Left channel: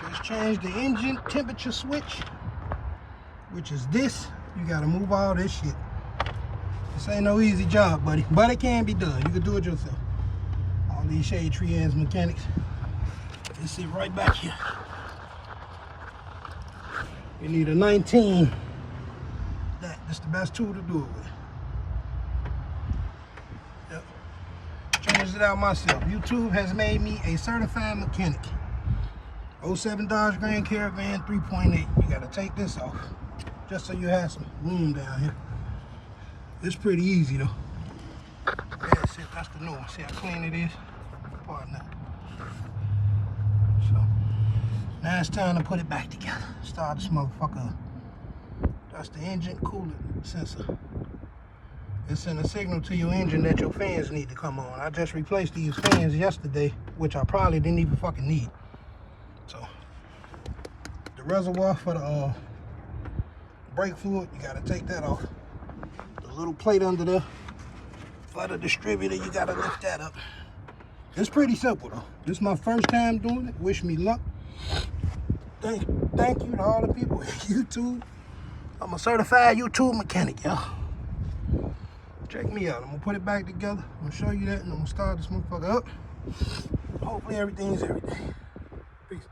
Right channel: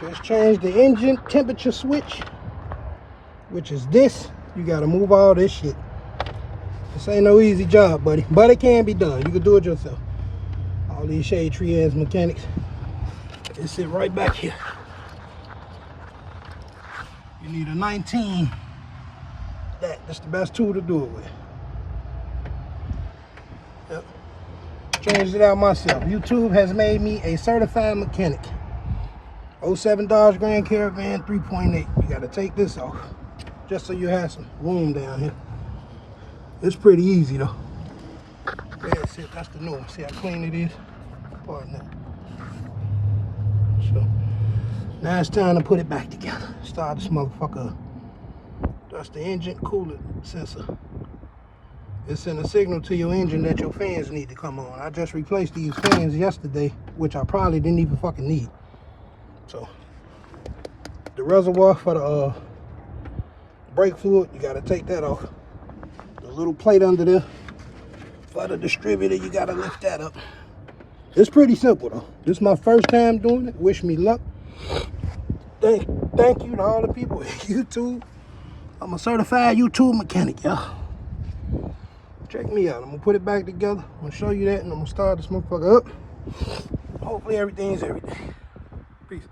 Just change the engine temperature switch, which is this. You gotta move all this shit. This ain't no easy job, buddy, but it can be done. You can do it yourself. All these shade tree ass mechanics, they sit right back here. You need a 19. That's the best tool to do it with. Yep. Changed it out myself. YouTube has made me a certified mechanic. 07 Dodge Grand Caravan 3.8. You gotta take this off just so you have some room down here. It's pretty easy though. That's it. That's the norm. See how clean it is? Pardon that. So now it's time to put it back together. Start this motherfucker up. That's the engine coolant sensor. It's sending a signal to your engine that your fans need to come on. I just replaced these fans yesterday, which I probably didn't even fucking need. So the reservoir for the brake fluid, you gotta take that off. The little plate under there for the distributor, you gotta lift that up. It's pretty simple though. This is my first time doing it. Wish me luck. Thank you to all the people at YouTube. I'm a certified YouTube mechanic, y'all. Check me out. I'm gonna put it back together. I'm gonna show you that, and I'm gonna start this motherfucker up. Hopefully everything's everything. Peace.